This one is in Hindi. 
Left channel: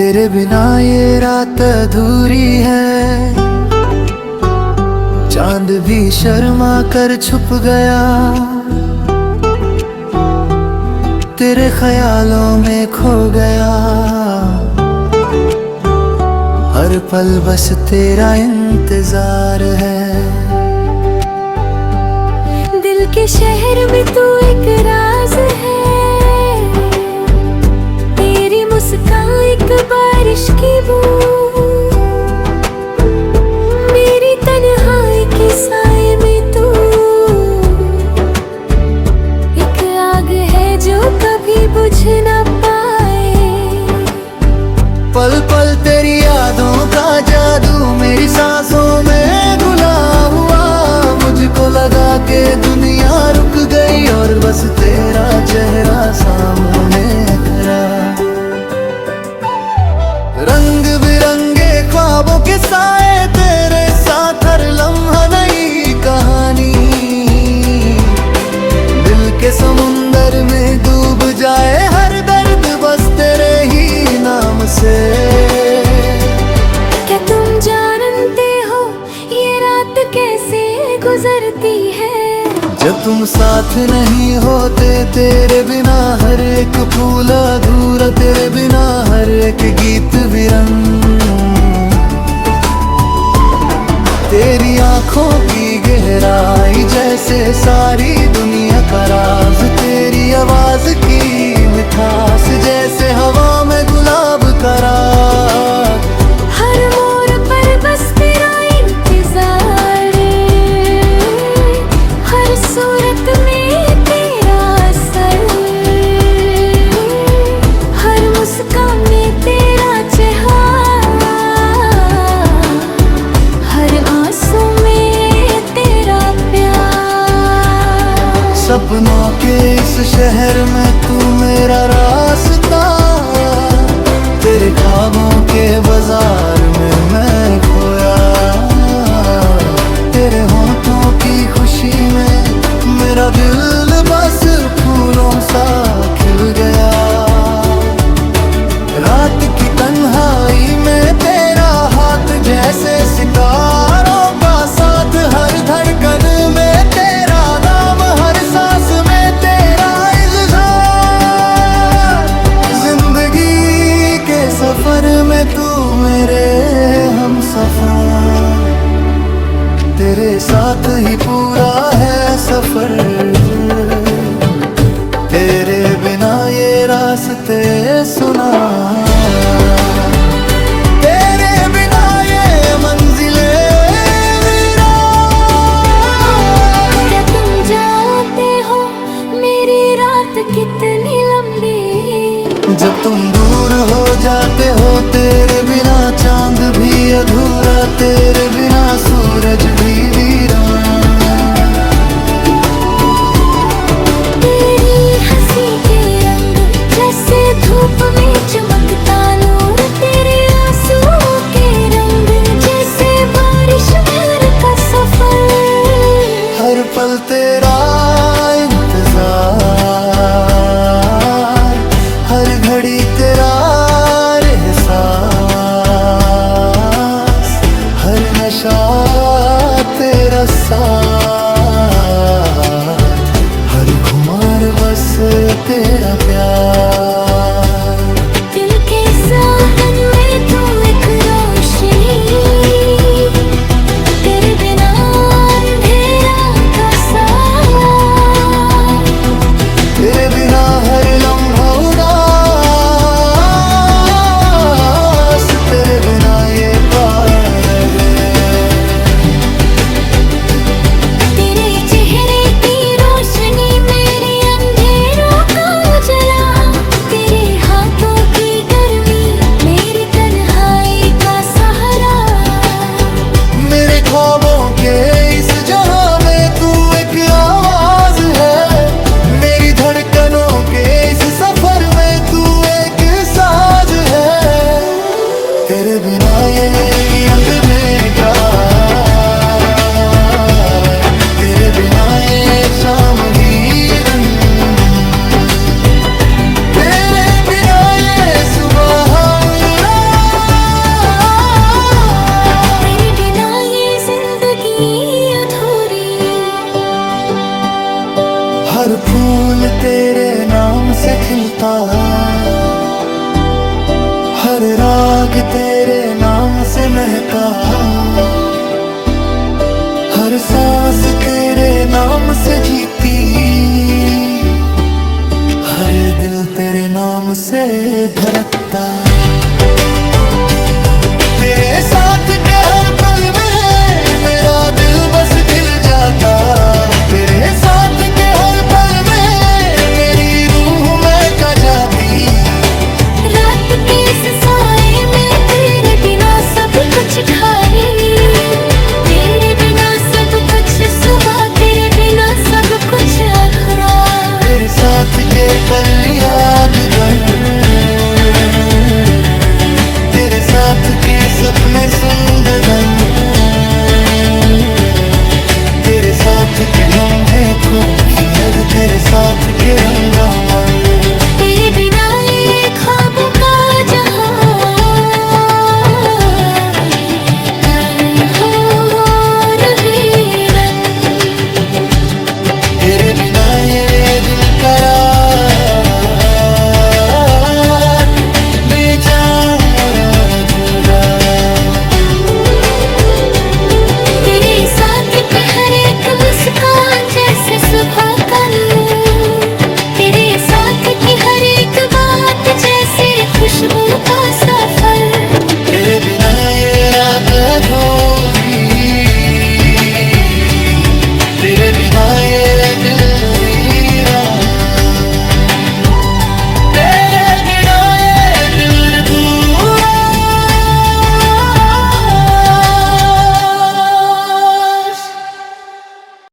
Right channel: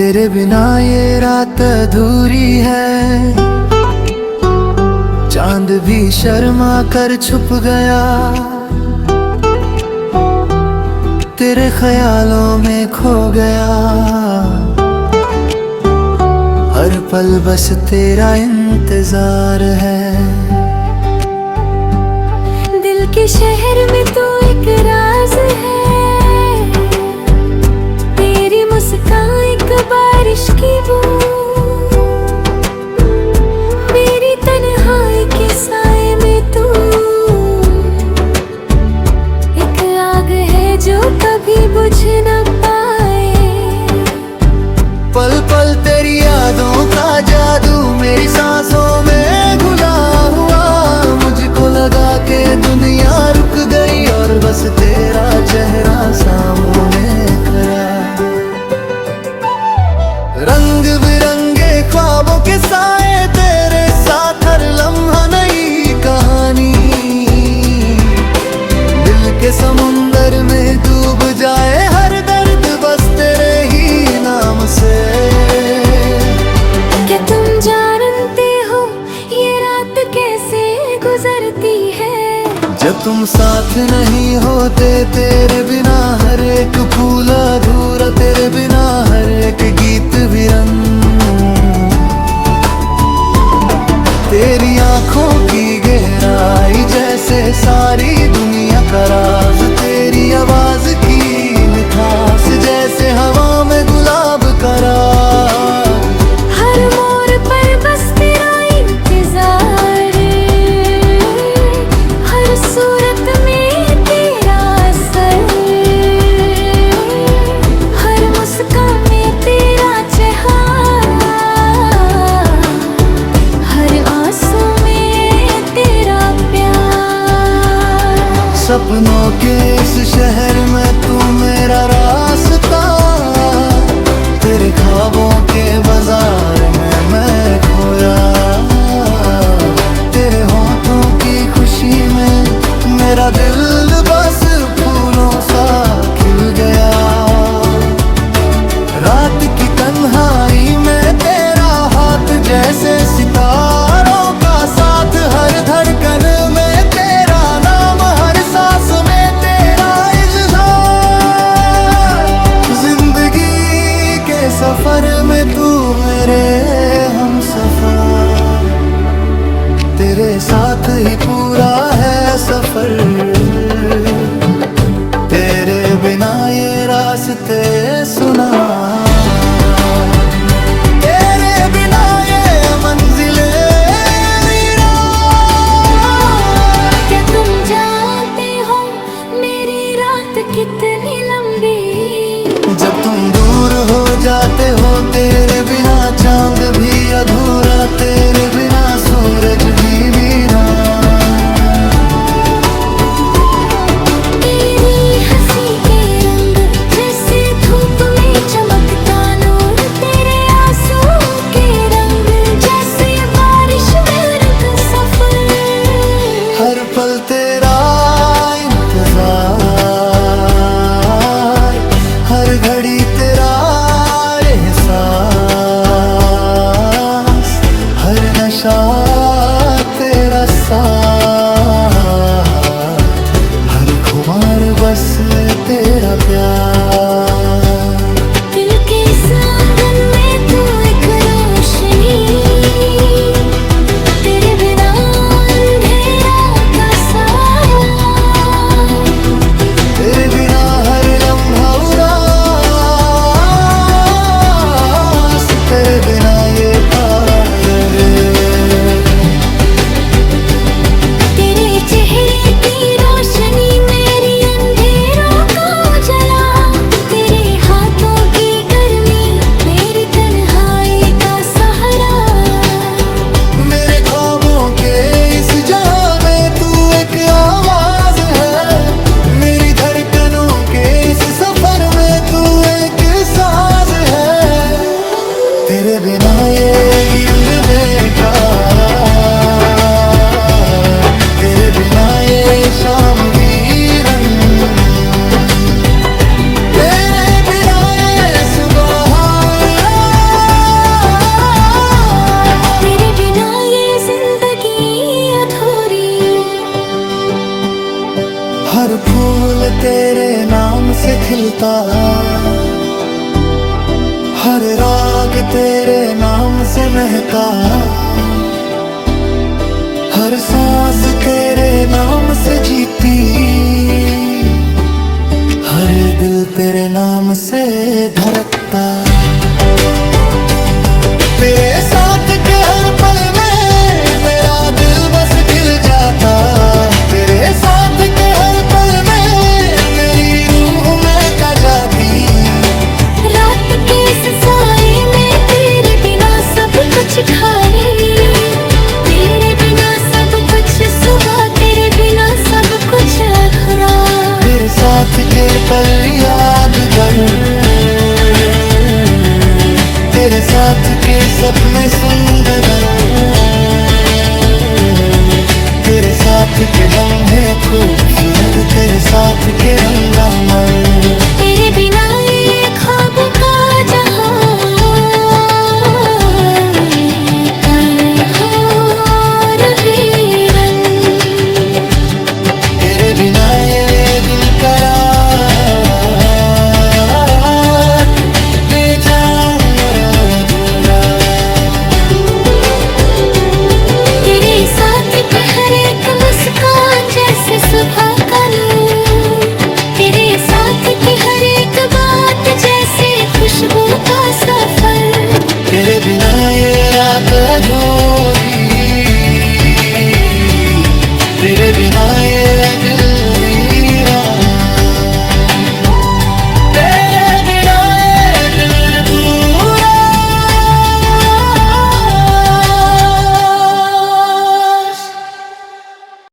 तेरे बिना ये रात अधूरी है। चांद भी शर्मा कर छुप गया, तेरे ख्यालों में खो गया। हर पल बस तेरा इंतजार है। दिल के शहर में तू एक राज है, तेरी मुस्कान एक बारिश की बूंद, मेरी तन्हाई के साए में तू एक आग है जो कभी बुझ न पाए। पल पल तेरी यादों का जादू मेरी सांसों में घुला हुआ। मुझको लगा के दुनिया रुक गई और बस तेरा चेहरा सामने खड़ा। रंग बिरंगे ख्वाबों के साए तेरे साथ, हर लम्हा नई कहानी। दिल के समुंदर में डूब जाए हर दर्द बस तेरे ही नाम से। क्या तुम जानते हो ये रात कैसे गुजरती है? जब तुम साथ नहीं होते तेरे बिना हर एक फूल अधूरा, तेरे बिना हर एक गीत विरंग। तेरी आंखों की गहराई जैसे सारी दुनिया का राज, तेरी आवाज की मिठास जैसे हवा में गुलाब का राग। हर मोड़ पर बस तेरा इंतजार, हर सूरत में तेरा असर, हर मुस्कान में तेरा चेहरा, हर आंसू में तेरा प्यार। सपनों के इस शहर में तू मेरा रास्ता, तेरे ख्वाबों के बाजार में मैं खोया। तेरे होठों की खुशी में मेरा दिल बस फूलों सा खिल गया। रात की तन्हाई में तेरा हाथ जैसे सितारों का साथ, हर धड़कन में तेरा नाम, हर सांस में तेरा इज़हार। जिंदगी के सफर में तू मेरे हमसफर, तेरे साथ ही पूरा है सफर। तेरे बिना ये रास्ते सुना, तेरे बिना ये मंजिले वीरान। क्या तुम जानते हो मेरी रात कितनी लंबी? जब तुम दूर हो जाते हो तेरे बिना चांद भी अधूरा, तेरे बिना सूरज भी वीरान। तेरी हंसी के रंग जैसे धूप में चमकता नूर, तेरे आंसू के रंग जैसे बारिश में का सफर। हर पल तेरा इंतजार, हर घड़ी तेरा एहसास, हर नशा तेरा साथ, हर खुमार बस तेरा प्यार। दिल के इस आंगन में तू एक रोशनी, तेरे बिना अंधेरा का साया, तेरे बिना हर लम्हा उदास, तेरे बिना ये पागल। तेरे चेहरे की रोशनी मेरी अंधेरों को जला, तेरे हाथों की गर्मी मेरी तन्हाई का सहारा। मेरे ख्वाबों के इस जहां में तू एक आवाज है, मेरी धड़कनों के इस सफर में तू एक साज है। तेरे बिना ये गिंद में क्या, तेरे बिना ये शाम वीरन, तेरे बिना ये सुबह उरा। हर फूल तेरे नाम से खिलता, हर राग तेरे नाम से महका, हर सांस तेरे नाम से जीती, हर दिल तेरे नाम से धड़कता। तेरे साथ के हर पल में मेरा दिल बस खिल जाता, तेरे साथ के हर पल में मेरी रूह महक जाती। रात के इस साए में तेरे बिना सब कुछ खाली, तेरे बिना सब कुछ सुबह, तेरे बिना सब कुछ अधूरा। तेरे साथ के पल यादगार, तेरे साथ के सपने सुंदर, तेरे साथ के लम्हे खूबसूरत, तेरे साथ के रंगामल। तेरे बिना ये ख्वाबों का